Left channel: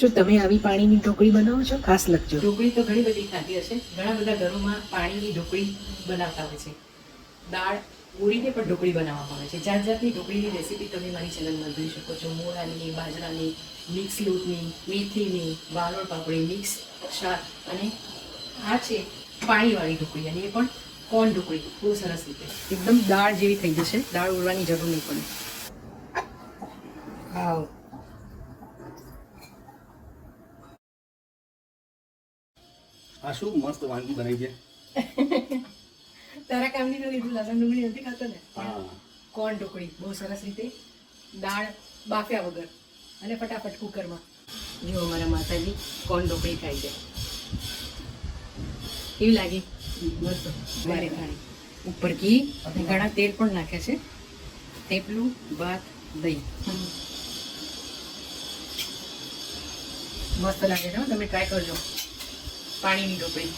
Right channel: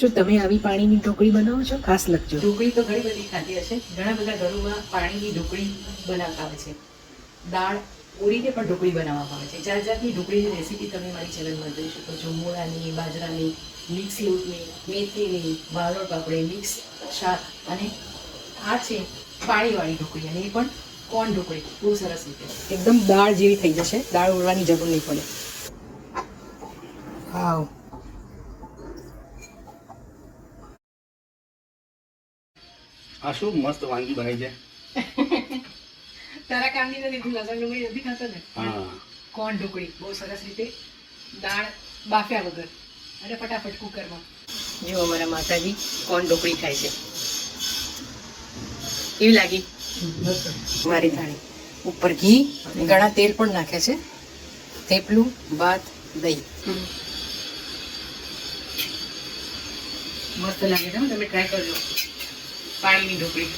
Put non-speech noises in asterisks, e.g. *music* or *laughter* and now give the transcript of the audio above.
શું તમે આવી પાણીની ઢોકળી બનાવો છો? ખાસ લખજો. ઢોકળી તો ઘણી બધી ખાધી હશે. ઘણા બધા ઘરોમાં પાણીની ઢોકળી બનાવતા હોય છે. દાળ ઉડીને પણ ઢોકળી બનાવવામાં આવે છે. જાત જાતની ઢોકળીની રેસીપી તમે મારી ચેનલમાં જોઈ શકો છો. મોળાની બાજરાની, મિક્સ લોટની, મેથીની બારોળ પાપડી, મિક્સ શાક અને આ છે પાણીવાળી ઢોકળી અને એ પણ કોણ ઢોકળી. બહુ સરસ રીતે. એકદમ દાળ જેવી થઈ જશે. દાળ ઉડવાની જરૂર નહીં પડે. વાવ. આ શું મસ્ત વાનગી બનાવી છે? *laughs* તારા કાંદી નથી તું લસણ ડુંગળી નથી ખાતો ને. હા. કોણ ઢોકળી? બહુ સરસ રીતે દાળ બાફ્યા વગર અને ફટાફટ કુકરમાં. જો અમારા માતાજી કોણ ઢોકળી ખાય છે. કેવી લાગી? મારી થાળી. ઉપર ઘી અને ઘણા તેલ પણ નાખે છે. થેપલું ભાત દહીં. મસ્ત લાગે છે તમે ટ્રાય કરજો. પાણીની ઢોકળી.